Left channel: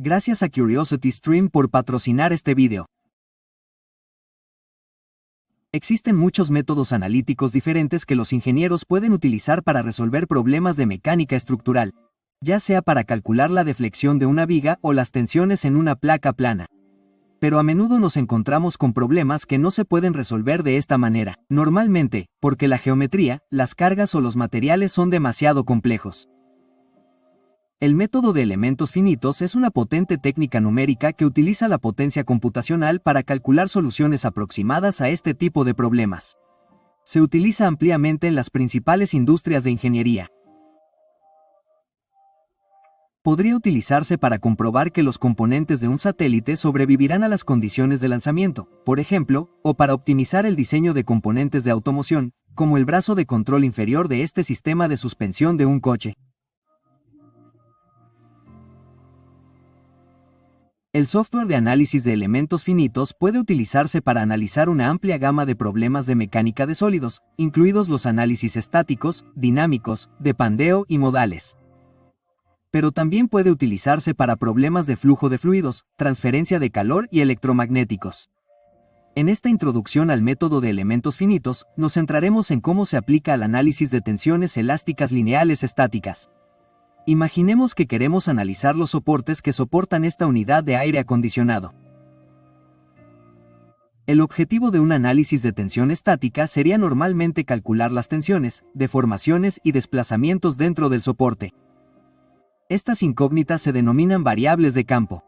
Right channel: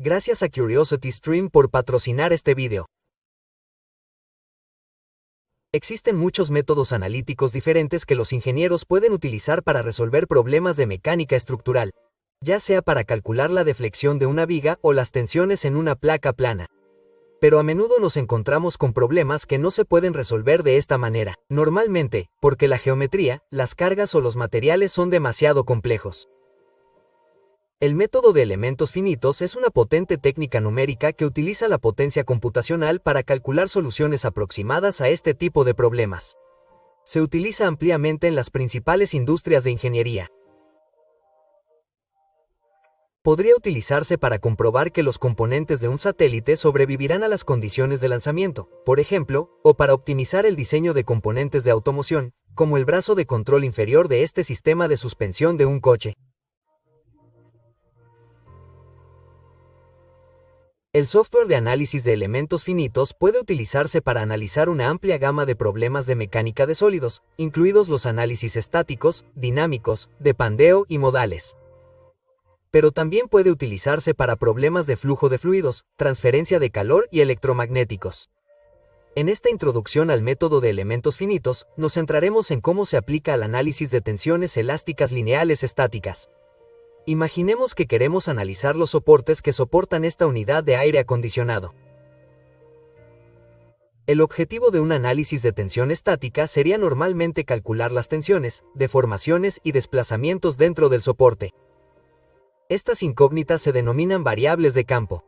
Gracias a CuriosityStream por patrocinar este video. Existen muchos métodos analíticos diferentes que los ingenieros pueden utilizar para resolver problemas de mecánica estructural, ya sea para calcular la deflexión de una viga o las tensiones en una placa plana. Pero a menudo nos encontramos con problemas que no se pueden resolver de esta manera, normalmente, porque la geometría, las cargas o los materiales son demasiado complejos. El método de elementos finitos es una potente técnica numérica que utiliza la potencia computacional para calcular soluciones aproximadas a este tipo de problemas. Se utiliza ampliamente en las principales industrias de ingeniería. Podría utilizarse para comprobar que los componentes de un satélite sobrevivirán a las condiciones de lanzamiento, por ejemplo, o para optimizar el diseño de componentes de automoción, como el brazo de control inferior de este sistema de suspensión de un coche. El software de análisis de elementos finitos puede utilizarse para analizar una amplia gama de problemas de mecánica de sólidos, incluidos los análisis estáticos, dinámicos, de pandeo y modales. Pero también puede utilizarse para problemas de flujo de fluidos, transferencia de calor y electromagnéticos. En esta introducción al método de elementos finitos, nos centraremos en cómo se aplica al análisis de tensiones elásticas lineales estáticas. Imaginemos que queremos analizar los soportes que soportan esta unidad de aire acondicionado. El objetivo de un análisis de tensión estática sería normalmente calcular las tensiones, deformaciones y desplazamientos dentro del soporte. Estas incógnitas se denominan variables de campo.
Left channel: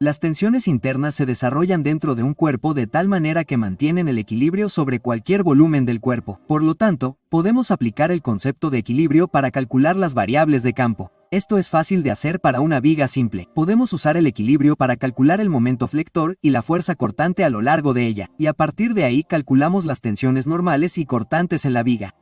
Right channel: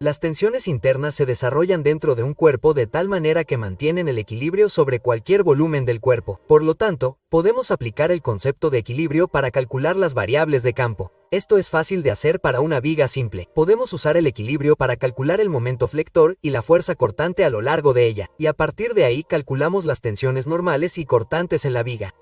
Las tensiones internas se desarrollan dentro de un cuerpo de tal manera que mantienen el equilibrio sobre cualquier volumen del cuerpo. Por lo tanto, podemos aplicar el concepto de equilibrio para calcular las variables de campo. Esto es fácil de hacer para una viga simple. Podemos usar el equilibrio para calcular el momento flector y la fuerza cortante a lo largo de ella, y a partir de ahí calculamos las tensiones normales y cortantes en la viga.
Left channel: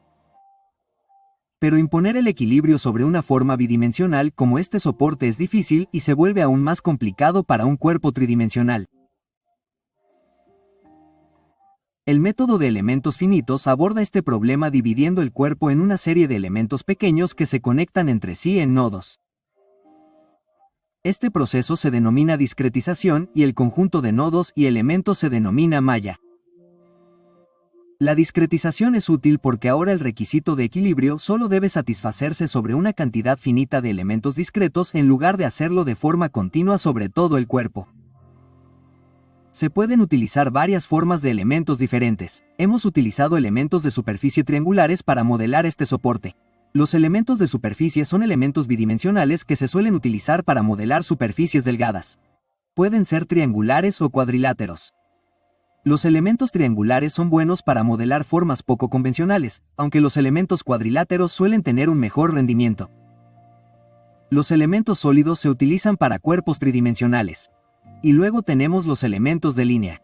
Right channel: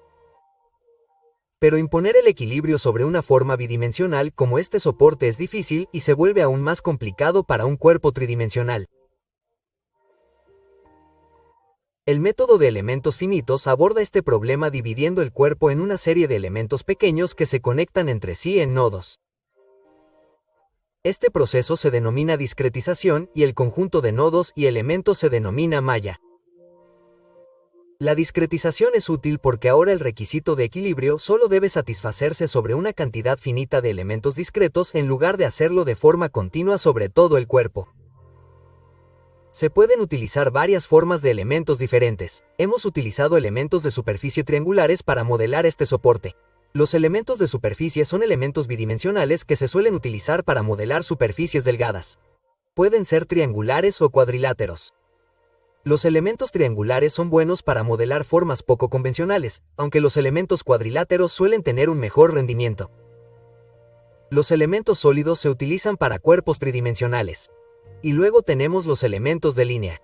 Pero imponer el equilibrio sobre una forma bidimensional como este soporte es difícil y se vuelve aún más complicado para un cuerpo tridimensional. El método de elementos finitos aborda este problema dividiendo el cuerpo en una serie de elementos pequeños que se conectan entre sí en nodos. Este proceso se denomina discretización y el conjunto de nodos y elementos se denomina malla. La discretización es útil porque ahora el requisito de equilibrio solo debe satisfacerse sobre una cantidad finita de elementos discretos en lugar de hacerlo de forma continua sobre todo el cuerpo. Se pueden utilizar varias formas de elementos diferentes. Hemos utilizado elementos de superficie triangulares para modelar este soporte. Los elementos de superficie son elementos bidimensionales que se suelen utilizar para modelar superficies delgadas. Pueden ser triangulares o cuadriláteros. Los elementos triangulares son buenos para modelar formas poco convencionales, aunque los elementos cuadriláteros suelen tener un mejor rendimiento. Los elementos sólidos se utilizan para cuerpos tridimensionales. Y luego tenemos los elementos de línea.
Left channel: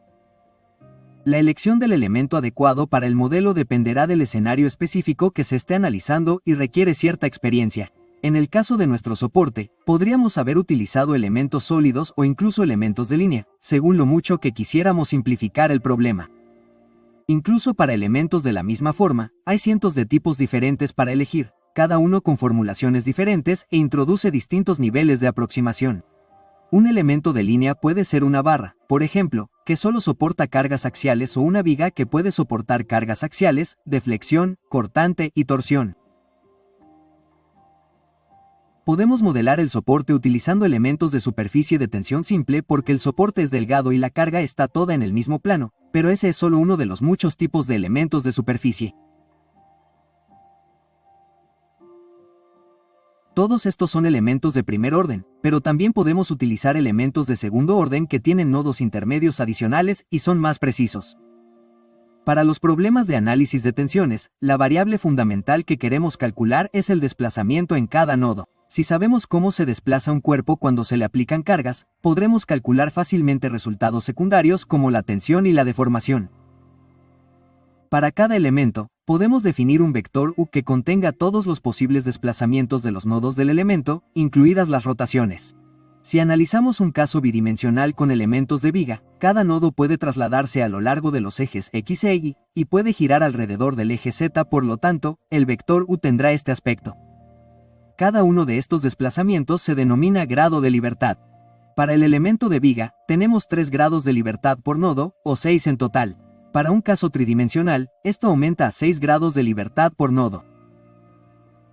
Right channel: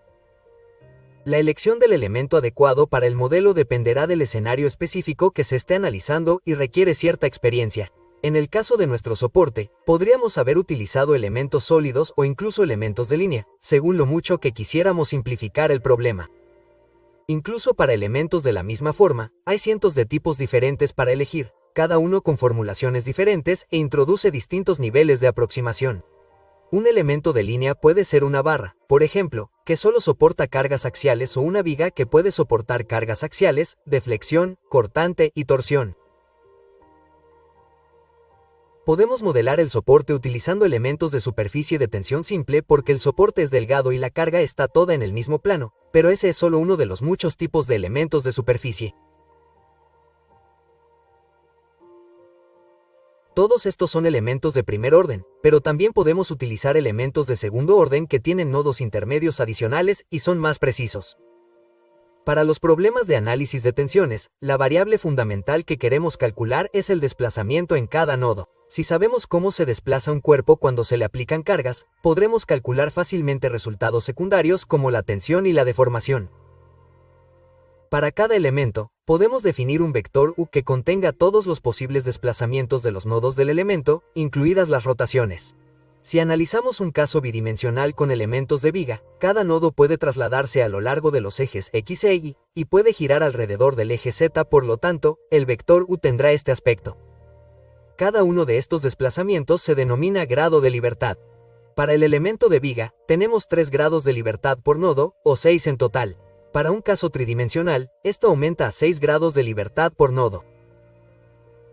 La elección del elemento adecuado para el modelo dependerá del escenario específico que se esté analizando y requiere cierta experiencia. En el caso de nuestro soporte, podríamos haber utilizado elementos sólidos o incluso elementos de línea, según lo mucho que quisiéramos simplificar el problema. Incluso para elementos de la misma forma, hay cientos de tipos diferentes para elegir, cada uno con formulaciones diferentes e introduce distintos niveles de aproximación. Un elemento de línea puede ser una barra, por ejemplo, que solo soporta cargas axiales o una viga que puede soportar cargas axiales, deflexión, cortante y torsión. Podemos modelar el soporte utilizando elementos de superficie de tensión simple porque el soporte es delgado y la carga está toda en el mismo plano, pero ese es solo uno de los muchos tipos de elementos de superficie. Todos estos son elementos de primer orden, pero también podemos utilizar elementos de segundo orden que tienen nodos intermedios adicionales y son más precisos. Para los problemas de análisis de tensiones, la variable fundamental que queremos calcular es el desplazamiento en cada nodo. Si sabemos cómo se desplaza un cuerpo cuando se le aplican cargas, podremos calcular fácilmente resultados secundarios como la tensión y la deformación. Para cada elemento, podemos definir un vector U que contenga todos los posibles desplazamientos de los nodos del elemento, incluidas las rotaciones. Si analizamos un caso bidimensional con elementos de viga, cada nodo puede trasladarse a lo largo de los ejes X e Y, y puede girar alrededor del eje Z, por lo tanto, el vector U tendrá este aspecto. Cada uno de estos desplazamientos se denomina grado de libertad. Para el elemento de viga, tenemos 3 grados de libertad por nodo, o 6 en total. Para un caso tridimensional, esto aumenta a 6 grados de libertad por nodo.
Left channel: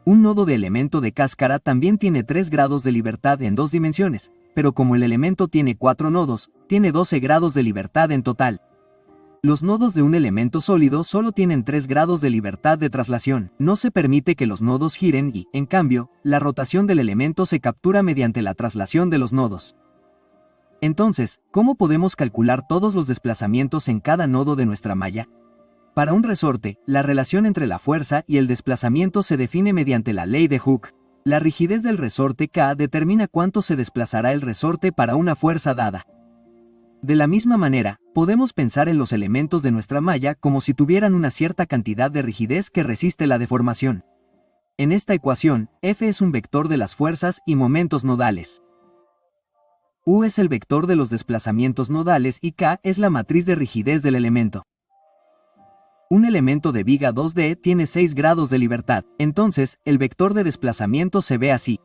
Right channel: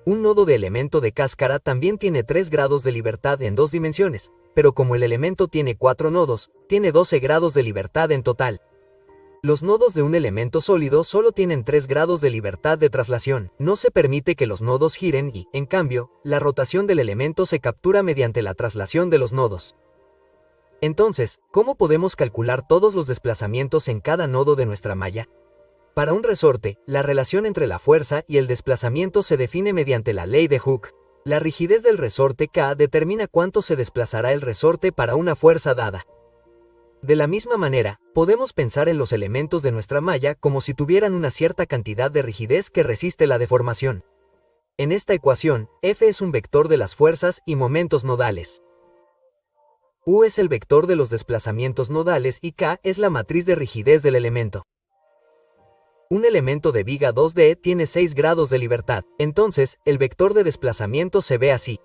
Un nodo de elemento de cáscara también tiene 3 grados de libertad en 2 dimensiones, pero como el elemento tiene 4 nodos, tiene 12 grados de libertad en total. Los nodos de un elemento sólido solo tienen 3 grados de libertad de traslación. No se permite que los nodos giren y, en cambio, la rotación del elemento se captura mediante la traslación de los nodos. Entonces, ¿cómo podemos calcular todos los desplazamientos en cada nodo de nuestra malla? Para un resorte, la relación entre la fuerza y el desplazamiento se define mediante la ley de Hooke. La rigidez del resorte K determina cuánto se desplazará el resorte para una fuerza dada. De la misma manera, podemos pensar en los elementos de nuestra malla como si tuvieran una cierta cantidad de rigidez que resiste la deformación. En esta ecuación, F es un vector de las fuerzas y momentos nodales. U es el vector de los desplazamientos nodales y K es la matriz de rigidez del elemento. Un elemento de viga 2D tiene 6 grados de libertad, entonces, el vector de desplazamiento se ve así.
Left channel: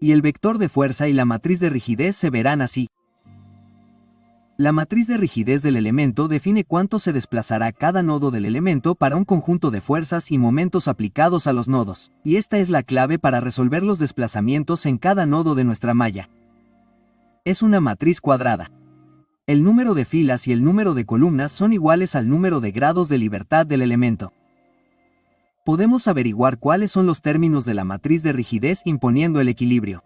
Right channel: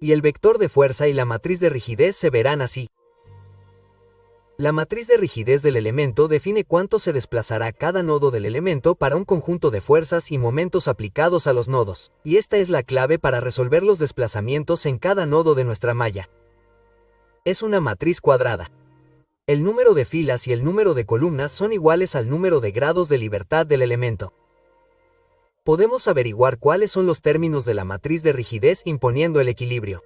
Y el vector de fuerza y la matriz de rigidez se verán así. La matriz de rigidez del elemento define cuánto se desplazará cada nodo del elemento para un conjunto de fuerzas y momentos aplicados a los nodos, y esta es la clave para resolver los desplazamientos en cada nodo de nuestra malla. Es una matriz cuadrada. El número de filas y el número de columnas son iguales al número de grados de libertad del elemento. Podemos averiguar cuáles son los términos de la matriz de rigidez imponiendo el equilibrio.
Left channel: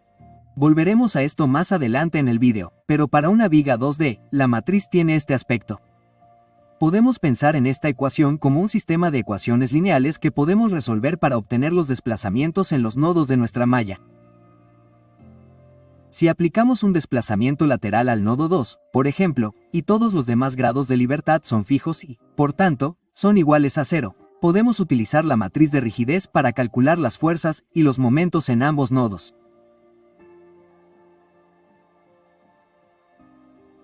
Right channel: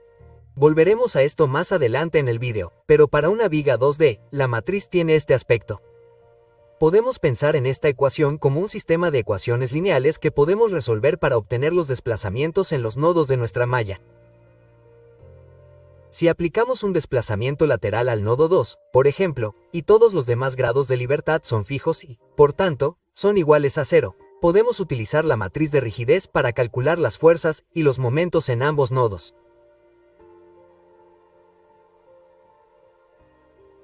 Volveremos a esto más adelante en el vídeo, pero para una viga 2D, la matriz tiene este aspecto. Podemos pensar en esta ecuación como un sistema de ecuaciones lineales que podemos resolver para obtener los desplazamientos en los nodos de nuestra malla. Si aplicamos un desplazamiento lateral al nodo 2, por ejemplo, y todos los demás grados de libertad son fijos y, por tanto, son iguales a 0, podemos utilizar la matriz de rigidez para calcular las fuerzas y los momentos en ambos nodos.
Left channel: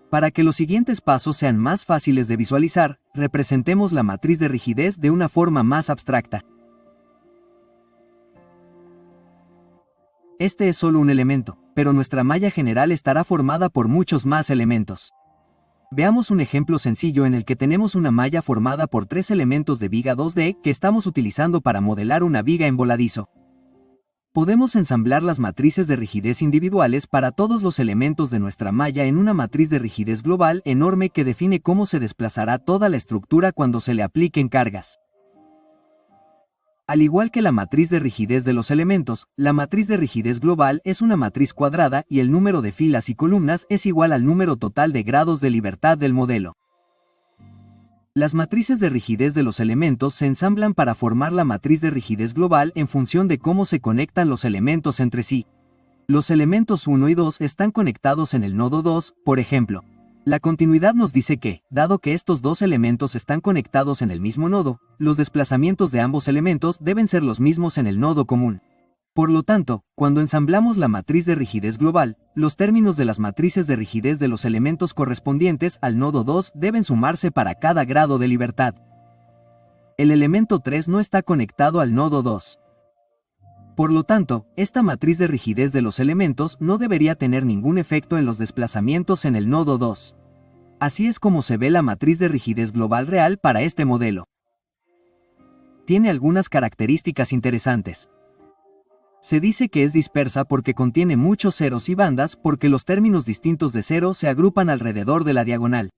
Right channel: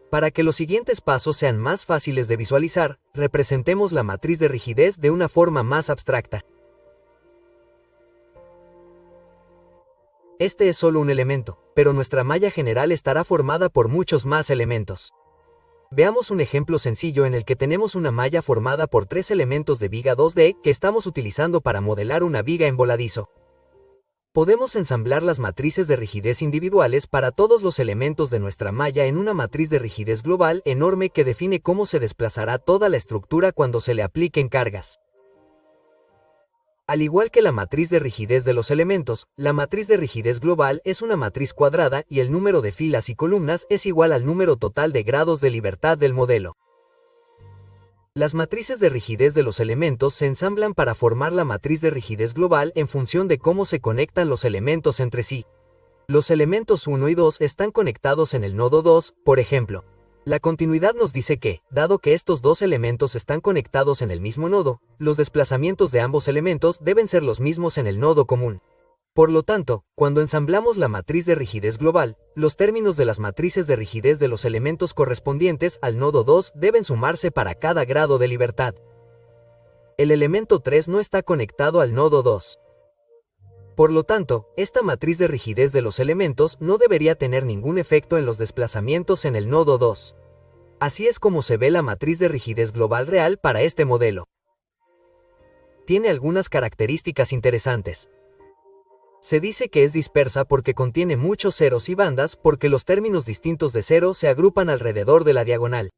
Para que los siguientes pasos sean más fáciles de visualizar, representemos la matriz de rigidez de una forma más abstracta. Este es solo un elemento, pero nuestra malla general estará formada por muchos más elementos. Veamos un ejemplo sencillo en el que tenemos una malla formada por 3 elementos de viga 2D que estamos utilizando para modelar una viga en voladizo. Podemos ensamblar las matrices de rigidez individuales para todos los elementos de nuestra malla en una matriz de rigidez global enorme que define cómo se desplazará toda la estructura cuando se le apliquen cargas. Al igual que la matriz de rigidez de los elementos, la matriz de rigidez global es una matriz cuadrada y el número de filas y columnas es igual al número total de grados de libertad del modelo. Las matrices de rigidez de los elementos se ensamblan para formar la matriz de rigidez global en función de cómo se conectan los elementos entre sí. Los elementos 1 y 2 están conectados en el nodo 2, por ejemplo. La continuidad nos dice que, dado que estos dos elementos están conectados en el mismo nodo, los desplazamientos de ambos elementos deben ser los mismos en el nodo común. Por lo tanto, cuando ensamblamos la matriz de rigidez global, los términos de las matrices de rigidez de los elementos correspondientes al nodo 2 deben sumarse para cada grado de libertad. El elemento 3 no está conectado al nodo 2. Por lo tanto, esta matriz de rigidez de los elementos no debería tener ningún efecto en los desplazamientos en el nodo 2. Así es como se ve la matriz de rigidez global real para este modelo. Tiene algunas características interesantes. Se dice que es dispersa porque contiene muchos ceros y bandas porque los términos distintos de cero se agrupan alrededor de la diagonal.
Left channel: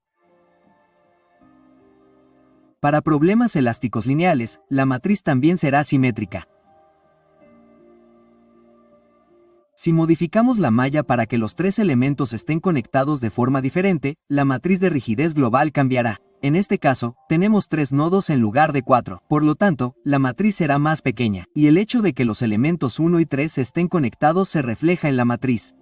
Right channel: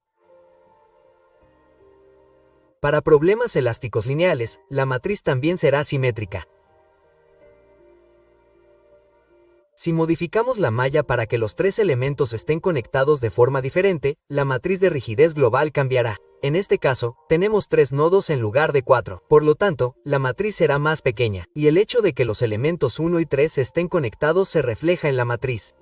Para problemas elásticos lineales, la matriz también será simétrica. Si modificamos la malla para que los 3 elementos estén conectados de forma diferente, la matriz de rigidez global cambiará. En este caso, tenemos 3 nodos en lugar de 4, por lo tanto, la matriz será más pequeña, y el hecho de que los elementos 1 y 3 estén conectados se refleja en la matriz.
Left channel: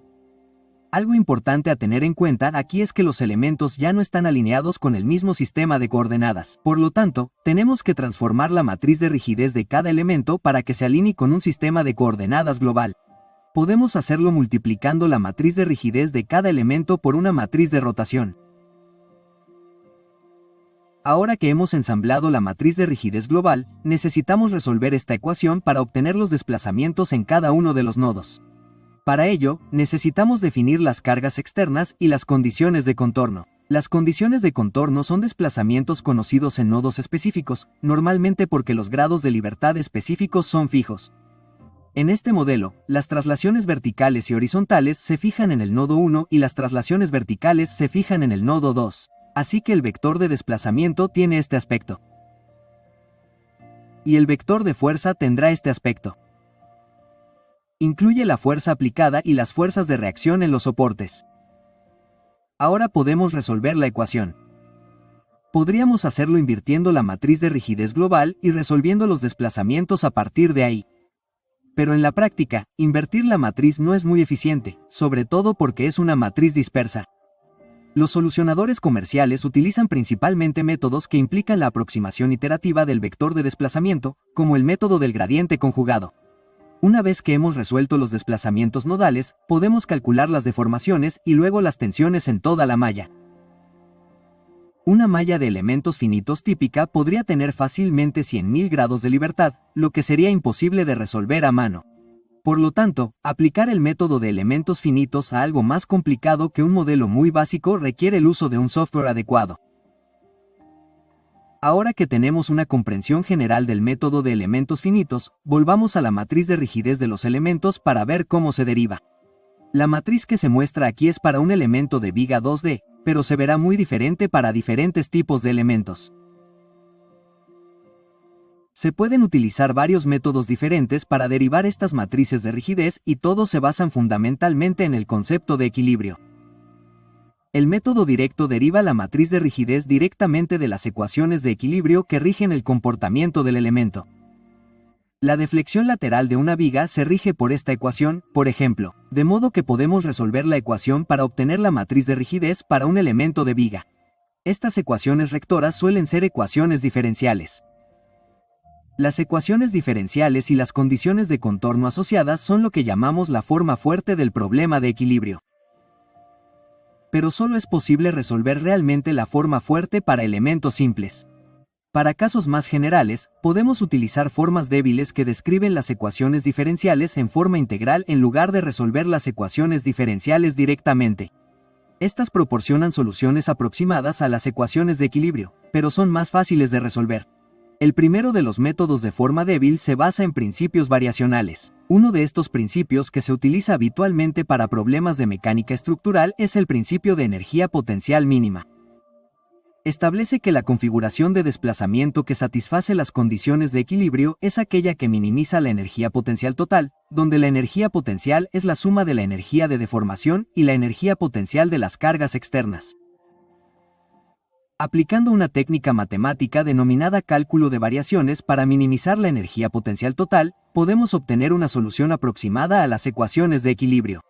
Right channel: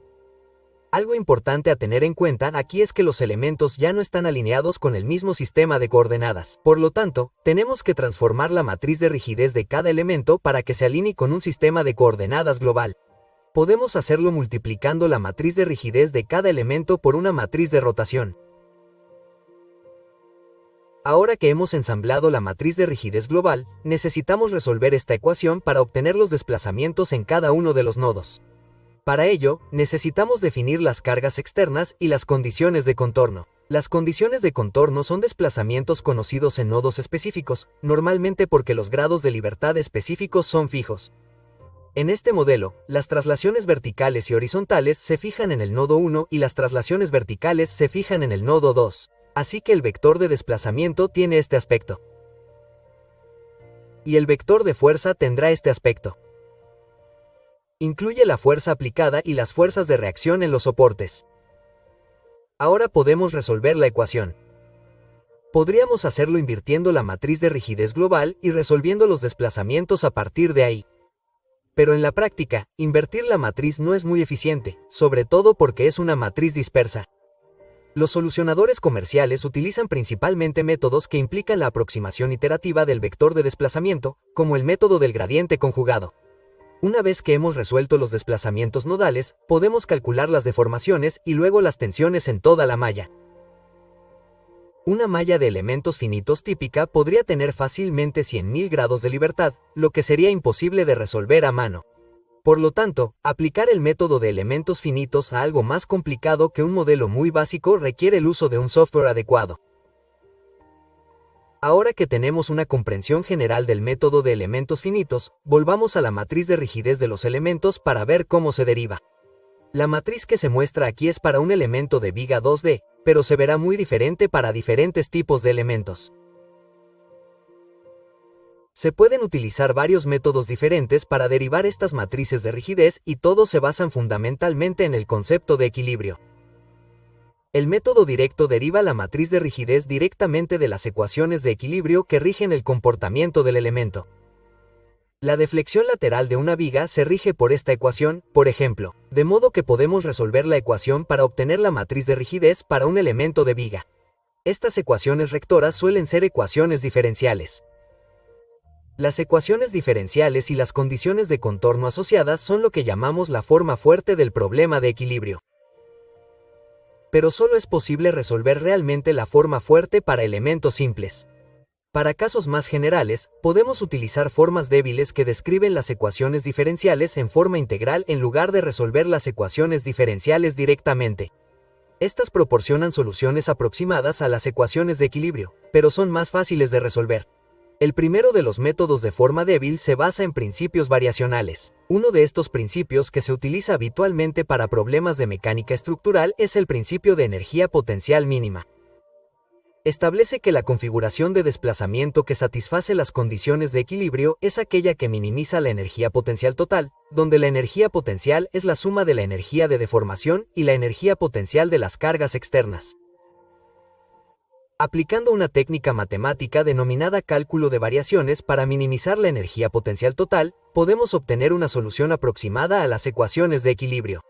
Algo importante a tener en cuenta aquí es que los elementos ya no están alineados con el mismo sistema de coordenadas. Por lo tanto, tenemos que transformar la matriz de rigidez de cada elemento para que se alinee con un sistema de coordenadas global. Podemos hacerlo multiplicando la matriz de rigidez de cada elemento por una matriz de rotación. Ahora que hemos ensamblado la matriz de rigidez global, necesitamos resolver esta ecuación para obtener los desplazamientos en cada uno de los nodos. Para ello, necesitamos definir las cargas externas y las condiciones de contorno. Las condiciones de contorno son desplazamientos conocidos en nodos específicos, normalmente porque los grados de libertad específicos son fijos. En este modelo, las traslaciones verticales y horizontales se fijan en el nodo 1 y las traslaciones verticales se fijan en el nodo 2. Así que el vector de desplazamiento tiene este aspecto. Y el vector de fuerza tendrá este aspecto. Incluye la fuerza aplicada y las fuerzas de reacción en los soportes. Ahora podemos resolver la ecuación. Podríamos hacerlo invirtiendo la matriz de rigidez global y resolviendo los desplazamientos a partir de ahí. Pero en la práctica, invertir la matriz no es muy eficiente, sobre todo porque es una matriz dispersa. Los solucionadores comerciales utilizan principalmente métodos que implican la aproximación iterativa del vector de desplazamiento, como el método del gradiente conjugado. Una vez que hemos resuelto los desplazamientos nodales, podemos calcular las deformaciones y luego las tensiones en toda la malla. Una malla de elementos finitos típica podría tener fácilmente 100.000 grados de libertad, lo que sería imposible de resolver a mano. Por lo tanto, aplicar el método de elementos finitos a algo más complicado que un modelo muy básico requiere el uso de un software adecuado. Ahora que tenemos una comprensión general del método de elementos finitos, volvamos a la matriz de rigidez de los elementos para ver cómo se deriva. La matriz que se muestra aquí es para un elemento de viga 2D, pero se verá muy diferente para diferentes tipos de elementos. Se pueden utilizar varios métodos diferentes para derivar estas matrices de rigidez y todos se basan fundamentalmente en el concepto de equilibrio. El método directo deriva la matriz de rigidez directamente de las ecuaciones de equilibrio que rigen el comportamiento del elemento. La deflexión lateral de una viga se rige por esta ecuación, por ejemplo, de modo que podemos resolver la ecuación para obtener la matriz de rigidez para un elemento de viga. Estas ecuaciones rectoras suelen ser ecuaciones diferenciales. Las ecuaciones diferenciales y las condiciones de contorno asociadas son lo que llamamos la forma fuerte del problema de equilibrio. Pero solo es posible resolver realmente la forma fuerte para elementos simples. Para casos más generales, podemos utilizar formas débiles que describen las ecuaciones diferenciales en forma integral en lugar de resolver las ecuaciones diferenciales directamente. Estas proporcionan soluciones aproximadas a las ecuaciones de equilibrio, pero son más fáciles de resolver. El primero de los métodos de forma débil se basa en principios variacionales. Uno de estos principios que se utiliza habitualmente para problemas de mecánica estructural es el principio de energía potencial mínima. Establece que la configuración de desplazamiento que satisface las condiciones de equilibrio es aquella que minimiza la energía potencial total, donde la energía potencial es la suma de la energía de deformación y la energía potencial de las cargas externas. Aplicando una técnica matemática denominada cálculo de variaciones para minimizar la energía potencial total, podemos obtener una solución aproximada a las ecuaciones de equilibrio.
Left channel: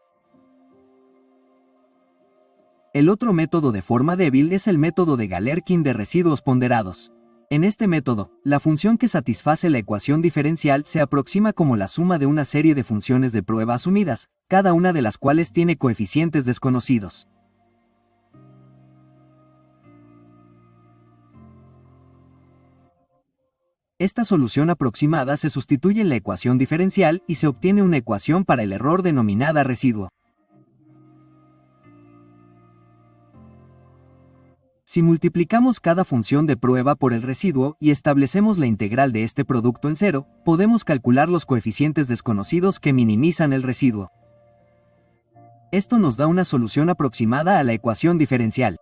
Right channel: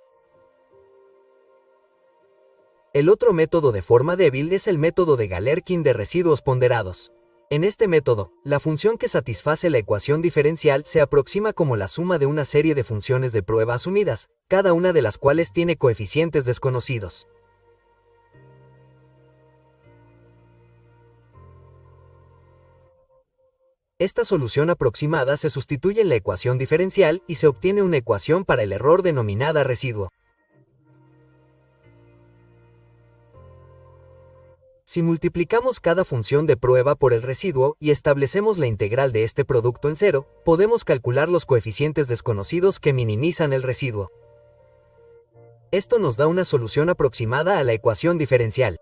El otro método de forma débil es el método de Galerkin de residuos ponderados. En este método, la función que satisface la ecuación diferencial se aproxima como la suma de una serie de funciones de prueba asumidas, cada una de las cuales tiene coeficientes desconocidos. Esta solución aproximada se sustituye en la ecuación diferencial y se obtiene una ecuación para el error denominada residuo. Si multiplicamos cada función de prueba por el residuo y establecemos la integral de este producto en cero, podemos calcular los coeficientes desconocidos que minimizan el residuo. Esto nos da una solución aproximada a la ecuación diferencial.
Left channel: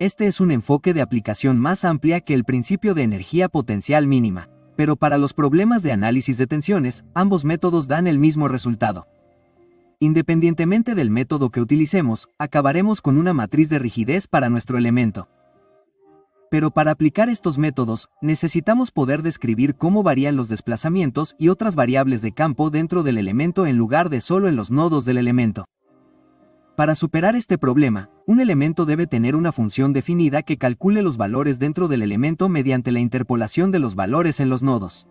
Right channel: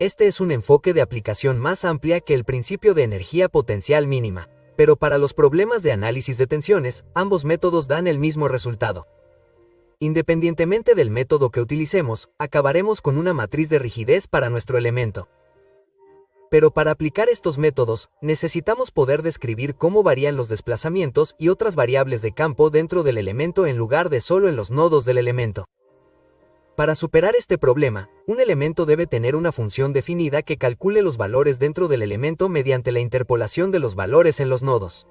Este es un enfoque de aplicación más amplia que el principio de energía potencial mínima, pero para los problemas de análisis de tensiones, ambos métodos dan el mismo resultado. Independientemente del método que utilicemos, acabaremos con una matriz de rigidez para nuestro elemento. Pero para aplicar estos métodos, necesitamos poder describir cómo varían los desplazamientos y otras variables de campo dentro del elemento en lugar de solo en los nodos del elemento. Para superar este problema, un elemento debe tener una función definida que calcule los valores dentro del elemento mediante la interpolación de los valores en los nodos.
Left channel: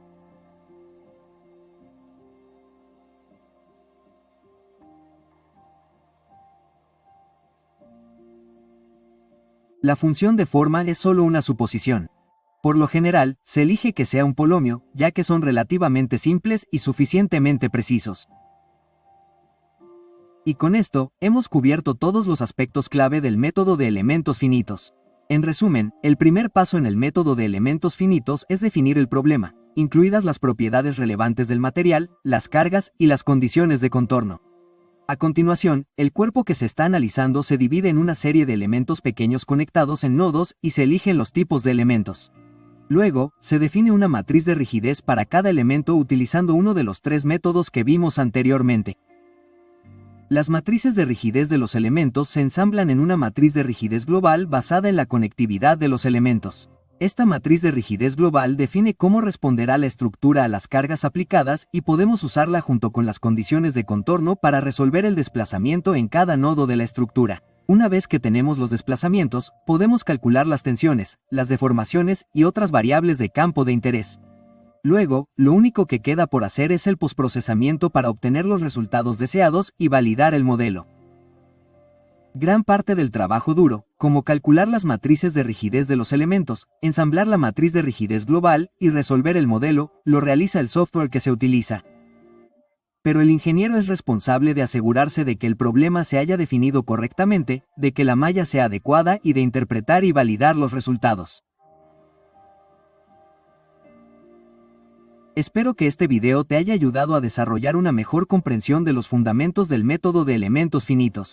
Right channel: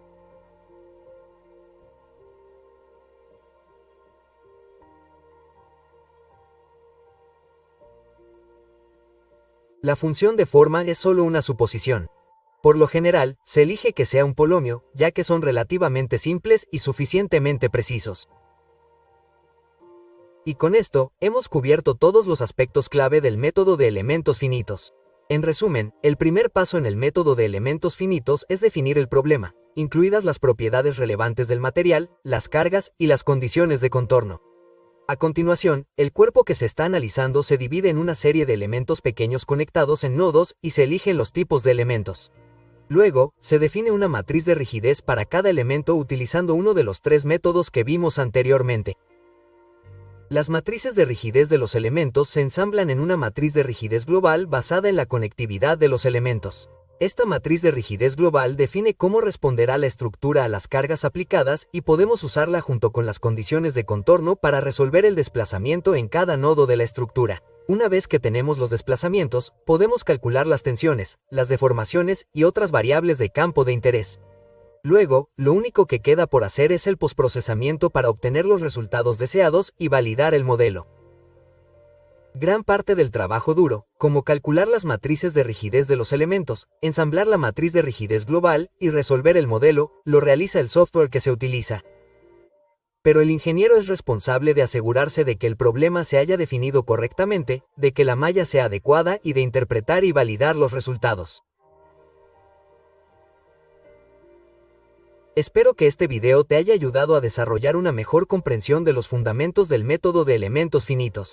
La función de forma es solo una suposición. Por lo general, se elige que sea un polomio, ya que son relativamente simples y suficientemente precisos. Y con esto, hemos cubierto todos los aspectos clave del método de elementos finitos. En resumen, el primer paso en el método de elementos finitos es definir el problema, incluidas las propiedades relevantes del material, las cargas y las condiciones de contorno. A continuación, el cuerpo que se está analizando se divide en una serie de elementos pequeños conectados en nodos y se eligen los tipos de elementos. Luego, se define una matriz de rigidez para cada elemento utilizando uno de los tres métodos que vimos anteriormente. Las matrices de rigidez de los elementos se ensamblan en una matriz de rigidez global basada en la conectividad de los elementos. Esta matriz de rigidez global define cómo responderá la estructura a las cargas aplicadas y podemos usarla junto con las condiciones de contorno para resolver el desplazamiento en cada nodo de la estructura. Una vez que tenemos los desplazamientos, podemos calcular las tensiones, las deformaciones y otras variables de campo de interés. Luego, lo único que queda por hacer es el posprocesamiento para obtener los resultados deseados y validar el modelo. Gran parte del trabajo duro, como calcular las matrices de rigidez de los elementos, ensamblar la matriz de rigidez global y resolver el modelo, lo realiza el software que se utiliza. Pero el ingeniero es responsable de asegurarse de que el problema se haya definido correctamente, de que la malla sea adecuada y de interpretar y validar los resultados. Espero que este video te haya ayudado a desarrollar una mejor comprensión de los fundamentos del método de elementos finitos.